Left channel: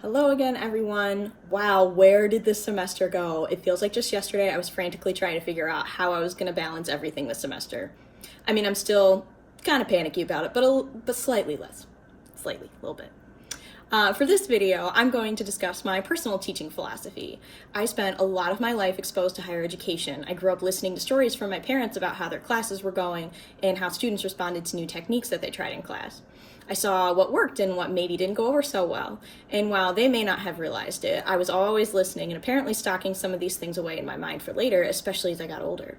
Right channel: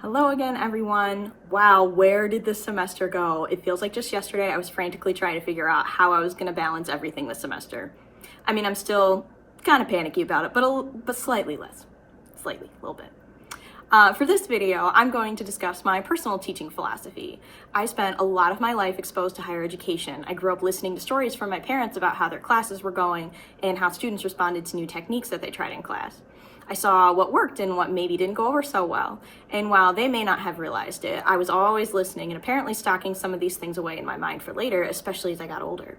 Hello again, everyone. Wow, where did this semester go? It feels like just yesterday I was frantically trying to figure out how I was going to balance everything this semester. I mean, I'm still kind of panicky about it, but slightly less. Slightly, a little bit. For this video, I'm going to discuss my personal teaching philosophy. I spent a lot of my life exposed to higher education. I grew up listening to stories from my parents about how their classes were going and how students responded to new techniques that they tried in class. I saw what worked and what maybe didn't go over so well. And while they may not have realized it, I was always listening and apparently stocking some of these things away in my mind for later, especially as I got older.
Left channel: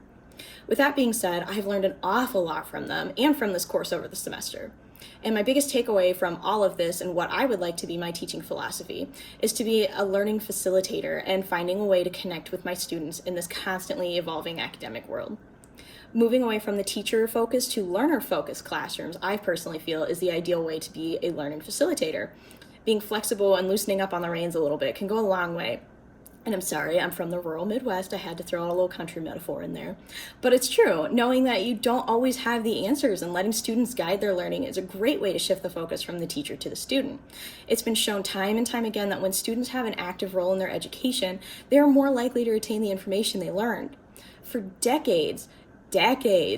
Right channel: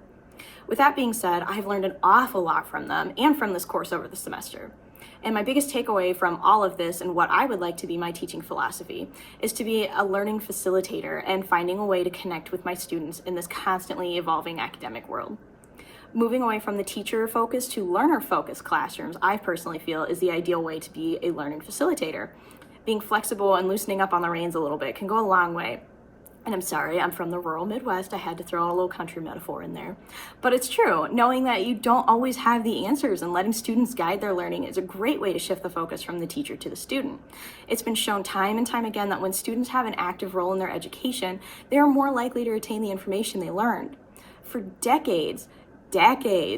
With that being said, I've learned an awful lot from them and from this course over the semester. And my biggest takeaway from all of this and what I would like to be my teaching philosophy is to be a learning facilitator and finding a way to connect with my students in this constantly evolving academic world. Moving away from the teacher-focused to learner-focused classrooms, I personally feel is the ideal way to be a learning facilitator. Being flexible and loosening up on the reins a little bit can go a long way. And I'm sorry, I'm from the rural Midwest. I had to throw a little country metaphor in there. But it's true, knowing that you don't always have the answers and letting students guide their learning is a great way to shift the focus from the teacher to the student. It's been shown time and time again that when students have an active role in their education, they are more likely to retain the information they learned. For decades,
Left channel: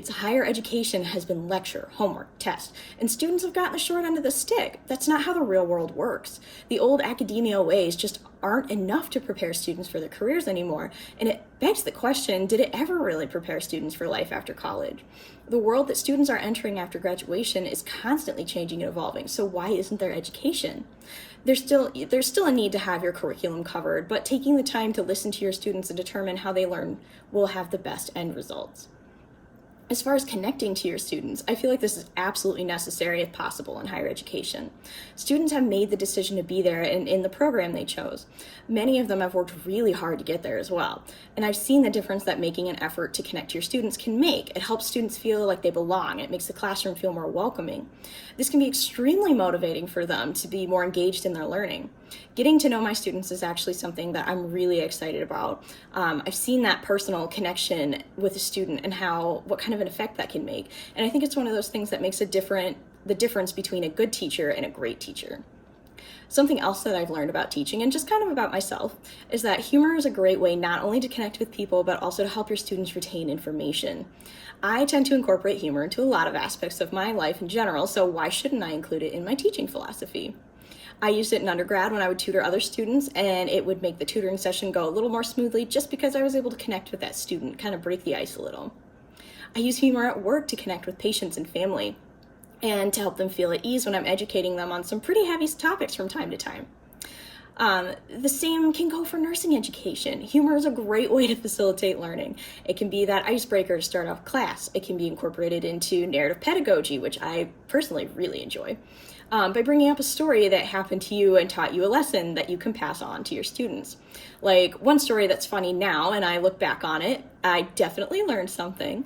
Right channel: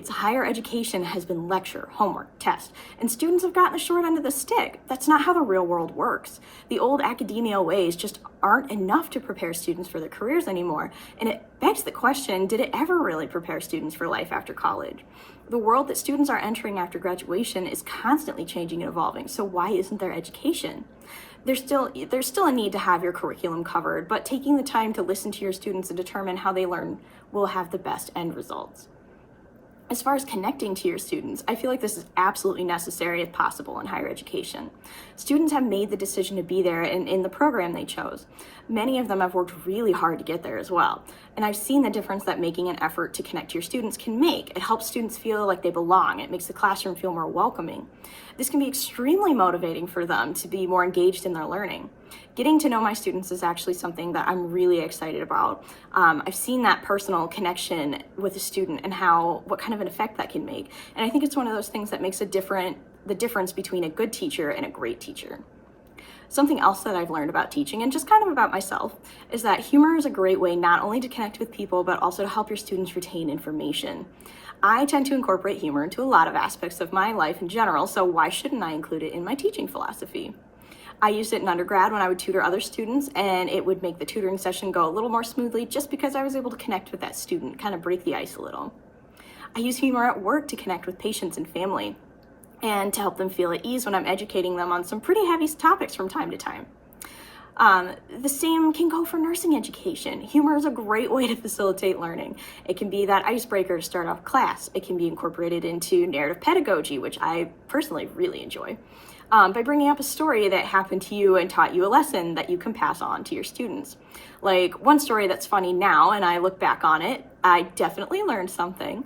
higher education has been lecture, homework, test, and students have gotten the short end of the stick. That's not how the real world works. The old academia ways just aren't enough to prepare students for their careers anymore, and it begs the question, did it ever really prepare students for life after college? The world that students are entering after graduation is constantly changing and evolving, so why isn't there education? There's still a need to have your curriculum covered, but taking the time to listen to your students and determine how they learn will have the best end results. As far as connecting to your students, I feel like this is absolutely necessary if possible in higher education. Students have made the decision to be there in the program they chose. Many of them have worked really hard to get there as well. And I've seen the difference that making an effort to connect to your students can make. It helps students feel like they belong. It makes the classroom feel more welcoming. This can be extremely motivating for them to be more engaged in their learning. Getting to know my students is actually something that I'm really excited about. I've seen that personal connection with a student and what kind of an effect that can make. And I think it's one of those things that makes the difference between a good teacher and a great teacher. Something else that I've learned about teaching, and just kind of about myself, is that humor is a great way not only to connect with people, but also to help your students retain information. I tend to incorporate humor into a lot of aspects of my life in general, so why shouldn't I include it in my teaching philosophy? I used it in undergrad when I would tutor other students, and it would make the tutoring session go a little more smoothly just because I was able to connect with that student, kind of break the ice a little. I use humor at work to connect with patients and family, and to help them feel at ease when I'm educating them on some pretty heavy topics from time to time. The same can go for nursing education. Humor is a great way to facilitate learning. It can be that icebreaker to start off class. It can be incorporated into narrative pedagogy, which I personally really enjoy, by bringing up a story that happened to you and taught you a lesson that you can pass on to your students. Like one story that's funny now, and I look back on it, I definitely learned something,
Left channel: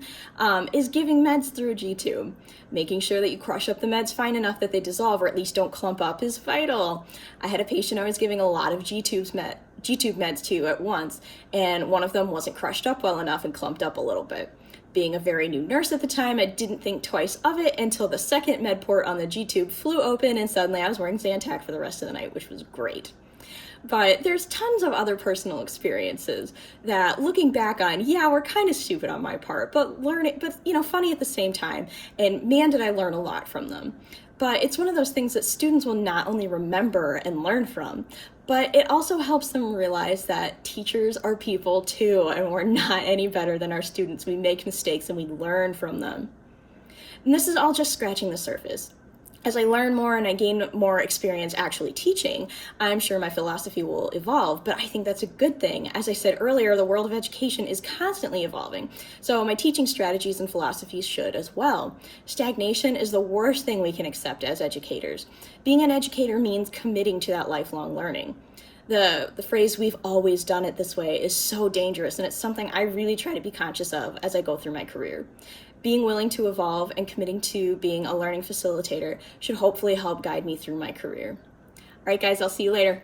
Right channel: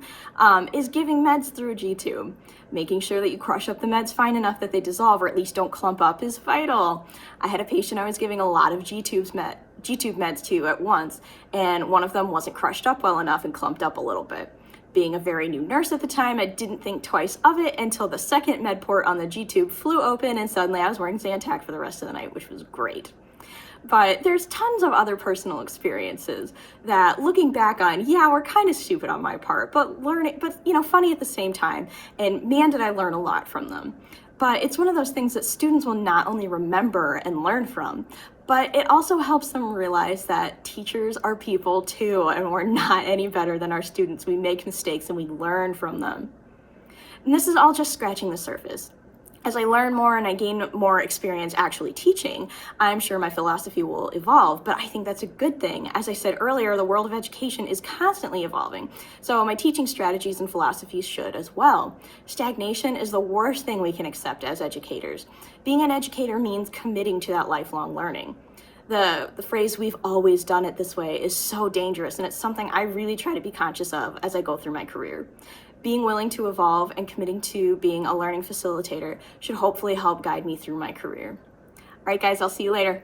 is giving meds through a G-tube. Making sure that you crush up the meds fine enough that they dissolve or at least don't clump up is vital. I had a patient I was giving a lot of G-tube meds to at once, and one of them wasn't crushed up well enough and clumped up a little bit. Being a very new nurse at the time, I didn't think twice of it until the second med port on the G-tube flew open and suddenly I was wearing Zantac for the rest of the night, which was great. But there's tons of other personal experiences that looking back on, yeah, were kind of stupid on my part, but funny at the same time. And man, did I learn a lot from them. But it's one of those things that students will not only remember and learn from, but it also helps them realize that teachers are people too, and we're not any better than our students. We make mistakes and we learn from them. And this is all just scratching the surface. As I learn more and I gain more experience actually teaching, I'm sure my philosophy will evolve, but I think that's a good thing. As I said earlier, the world of education is constantly evolving, so my teaching strategies and philosophies should as well. Stagnation is the worst thing we can accept as educators. Being an educator means committing to that lifelong learning. The phrase, "we've always done it this way," is so dangerous, and it's something I really try to be conscious of as I go through my career. Being willing to evolve and committing to being a learning facilitator should hopefully help guide me through my career. All right, guys, I'll see you later.